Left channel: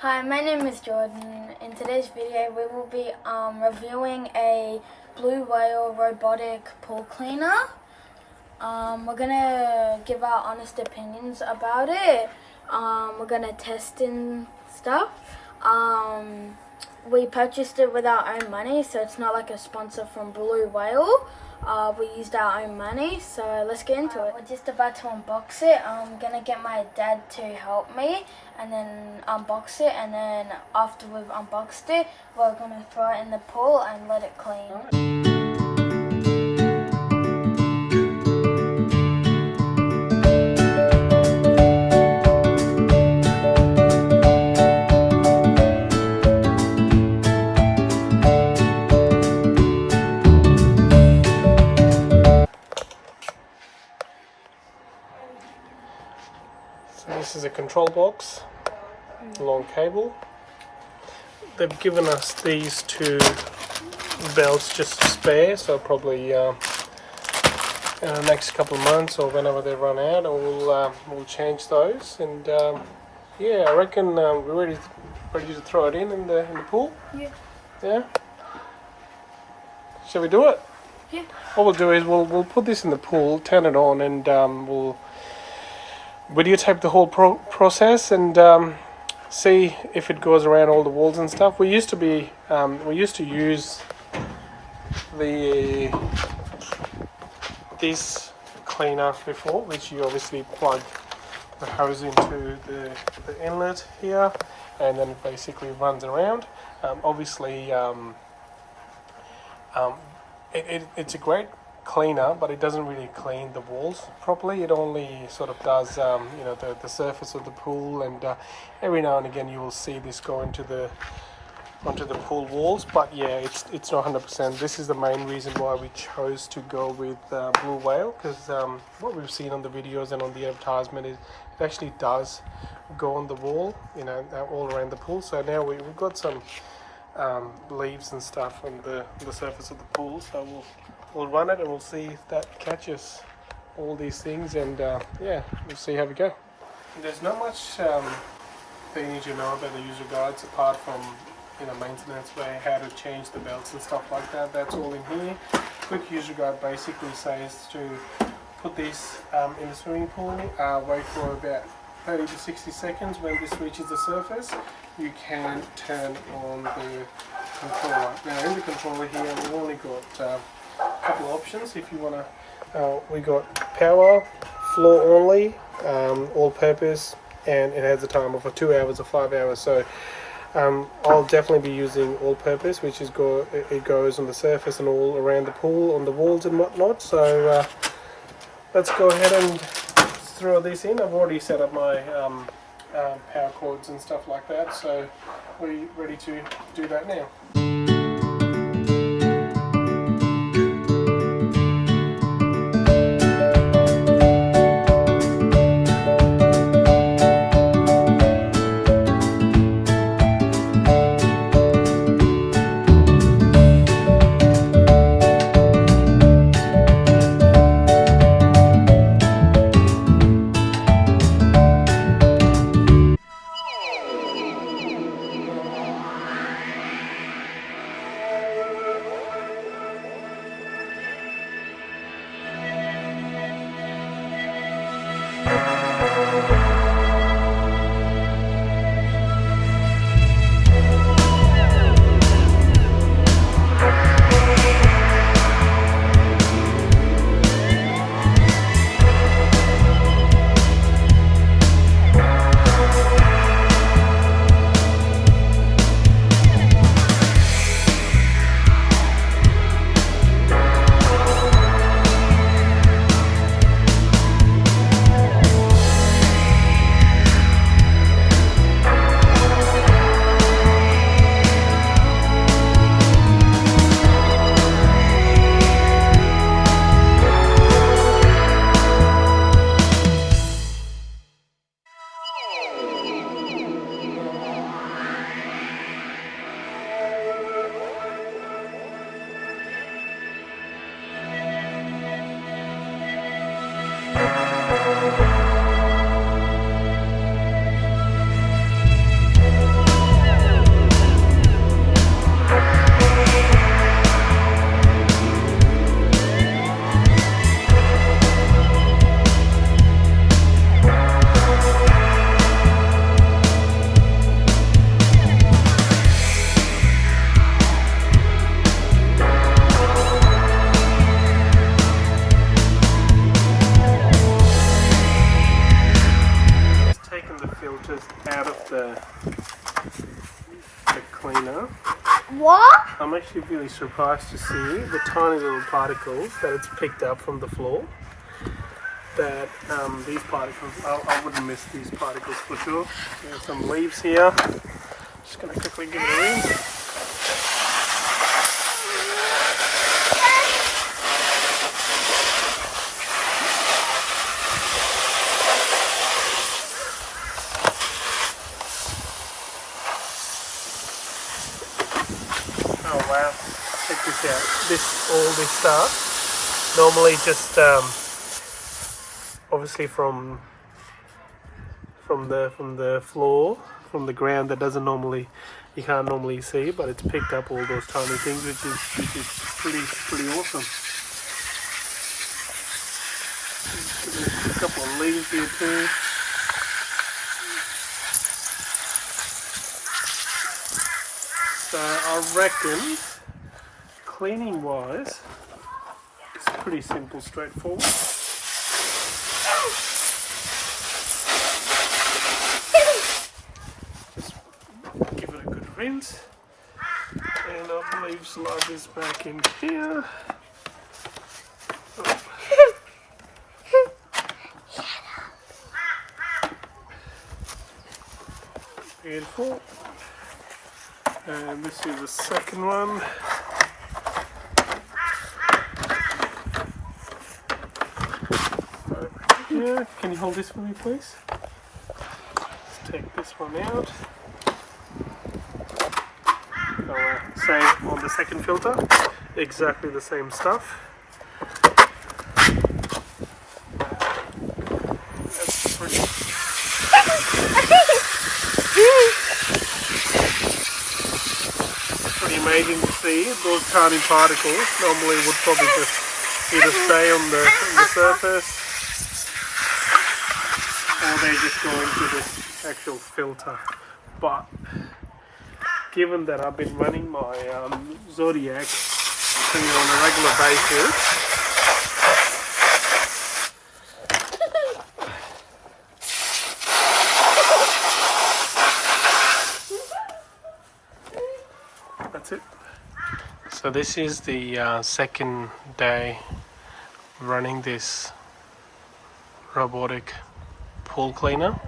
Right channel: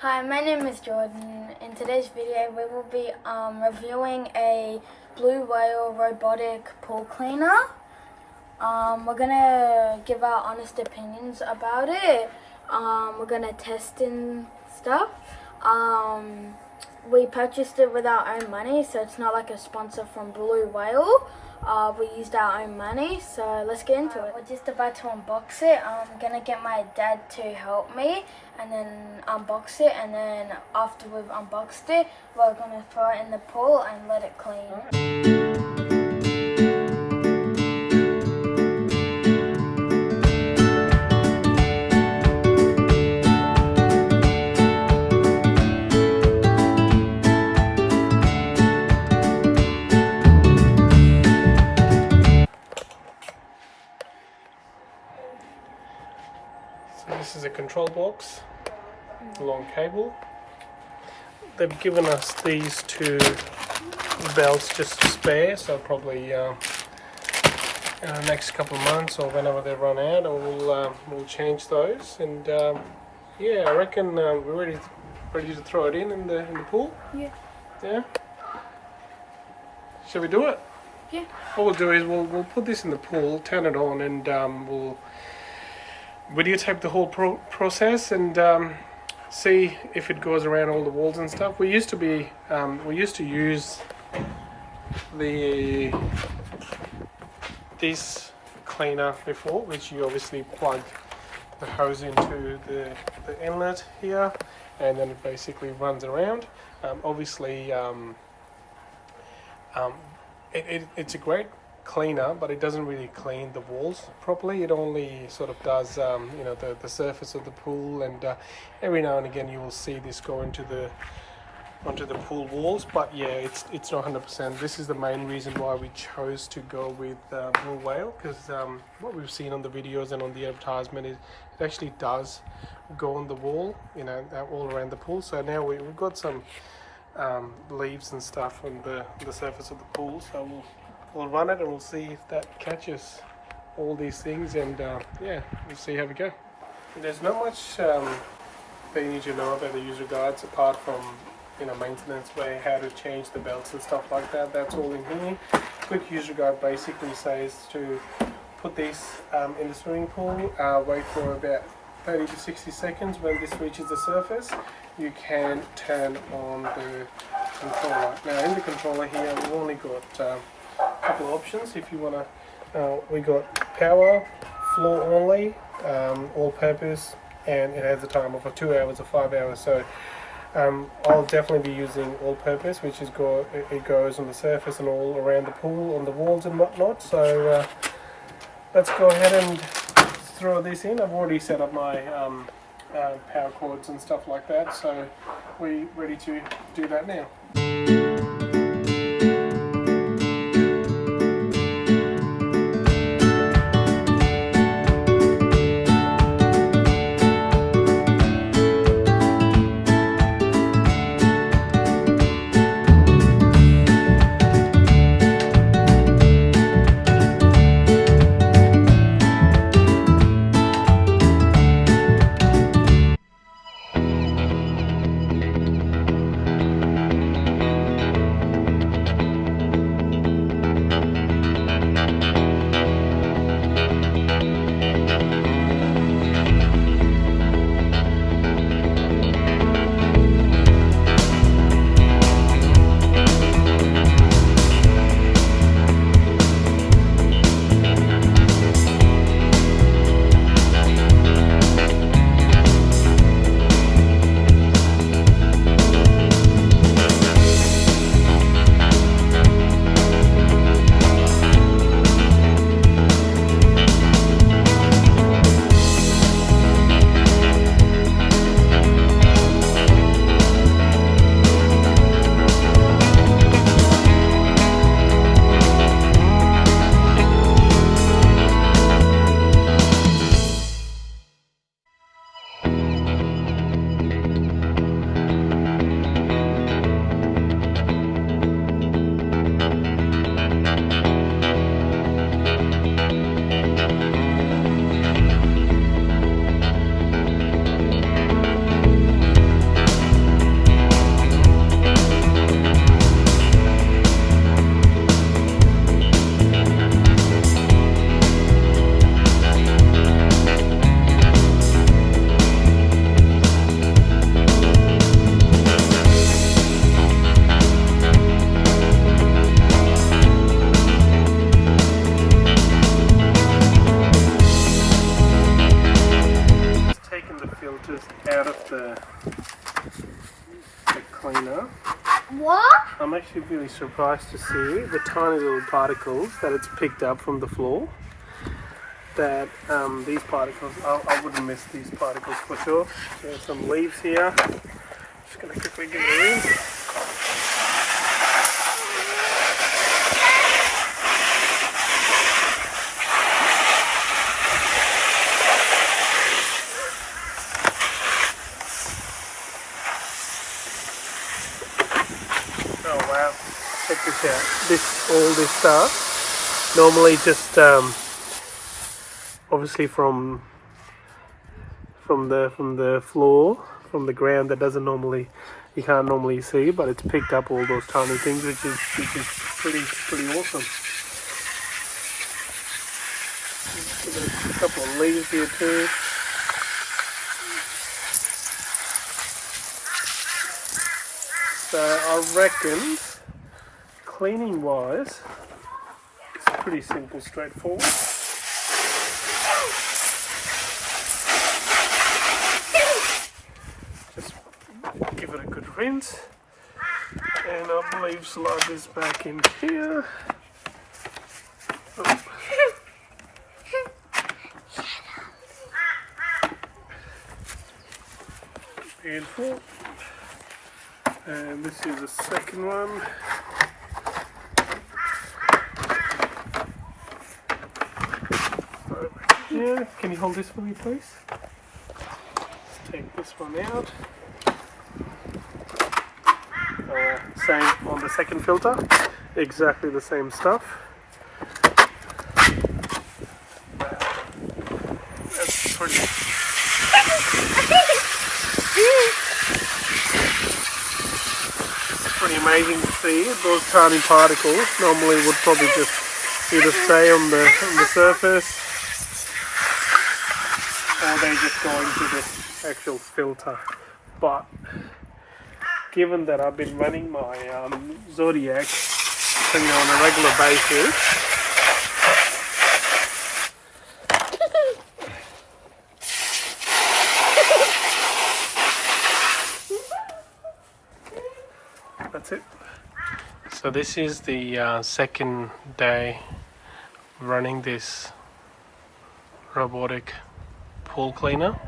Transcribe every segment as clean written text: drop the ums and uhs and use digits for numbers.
Hi, my name is Jordan. In today's video we will be reviewing a Blue Whale Robotic Pool Cleaner. We're gonna give our honest opinions about it. We're gonna test and stuff. We purchased it with our own money, so it's not like a sponsor from Blue Whale. We used our own money, so let's get into it. We're just about to unbox it. I'm gonna get my dad to help me and then unbox it, and then after we've unboxed it, we're gonna throw it in the pool and let it clean. This is a control box, long cable. They've given us these two belts just spare, so probably in the next couple of months or whenever they run out, we'll change those. And yeah, I reckon we're ready to throw it in the pool. Yeah. Yeah. Shall we do it? Yeah. What we'll do is we'll put this in the pool, turn it on, and we'll videotape the whole process and see if it goes around all the walls and stuff. We used to use this cleaner before, which you obviously plug the hose into the inlet here, and then it basically runs around. Obviously, it's a great cleaner, but it doesn't really clean the walls properly. It only sort of does the surface of the pool, and every now and again you will see this go onto the pool walls. But yeah, it's not 100%. This is the main reason why we chose to go with Blue Whale, because what we've seen on the videos and on the advertisement is it actually does go on the wall, all around the pool. So now we've got some leaves and stuff on the surface of the pool, so we'll run it and we'll see if that catches all these things, and yeah, we'll see how we go. There's not much that you need to know about the user guides apart from maintenance way, how to change the belts and stuff like that. That's all in here. Quick user guide basically says to put this in the swimming pool, wait for about 30 to 60 seconds. When this reaches the surface, you can turn on the controller. Now in the controller here we've only got couple of options. If you want to, we got power, floor only, all purpose, and it has a timer for 2 hours or 5 hours. So I'll definitely be using all purpose, which is it goes on the surface and all around the pool, on the walls and whatnot. So let's go ahead and throw this in. I've already set up my power cords and stuff like that, so we're ready to do that now. cleaner. What? I'm actually really surprised to see the tiny little particles that it's picked up from the floor. That these particles, I wouldn't miss these particles for sure. There's some leaves here. Just going to quickly give it a rinse. Oh wow, check this out. All this stuff, normally just obviously from the floor, from the ground, that you can't normally see, but it's picked up all those tiny things, which is pretty awesome. A couple of leaves here too. So I reckon, cleaning wise, it's pretty simple, straightforward. Just give it a good rinse, and I believe slide this back in here. Oh. Beautiful. And this is the second one. Yeah, can you hold this for me, please? Let's take this one out. Same on the second filter. Exactly the same stuff. That's pretty. Pretty amazing to see. Those tiny particles normally would probably just either stay on the surface, or they just go into the actual filter. But given that I've been running my Zodiac cleaner on a regular basis, that's it. So this is the second day running this robotic pool cleaner.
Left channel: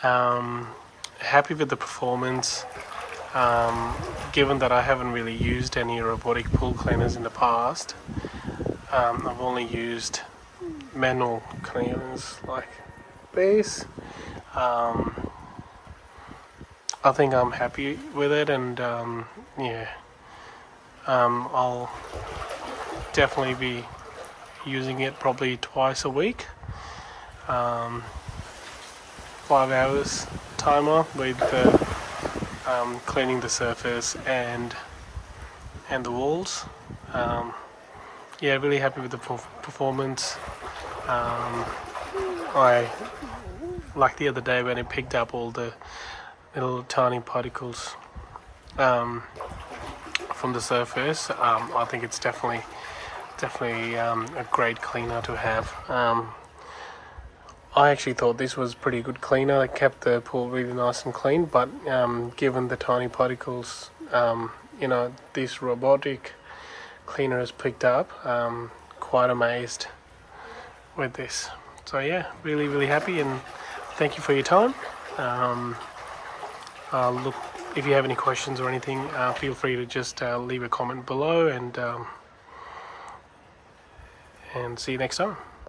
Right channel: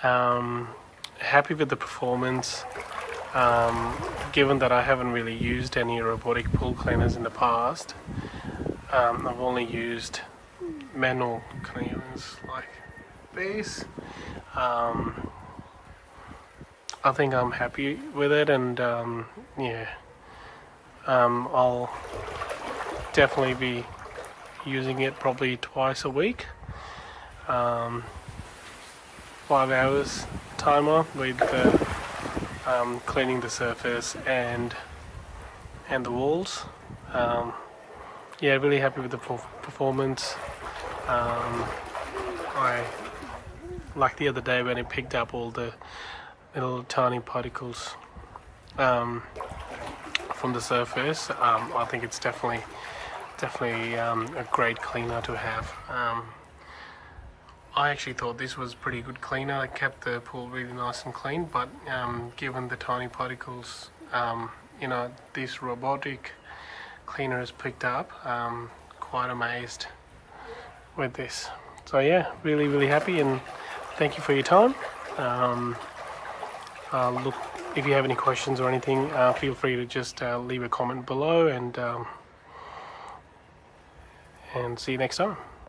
Happy with the performance. Given that I haven't really used any robotic pool cleaners in the past, I've only used manual cleaners like this. I think I'm happy with it, and yeah, I'll definitely be using it probably twice a week. 5 hours timer with cleaning the surface and the walls. Yeah, really happy with the performance. I like the other day when it picked up all the little tiny particles from the surface. I think it's definitely a great cleaner to have. I actually thought this was pretty good cleaner. It kept the pool really nice and clean, but given the tiny particles, this robotic cleaner has picked up, quite amazed with this. So yeah, really happy, and thank you for your time. Look, if you have any questions or anything, feel free to just leave a comment below, and see you next time.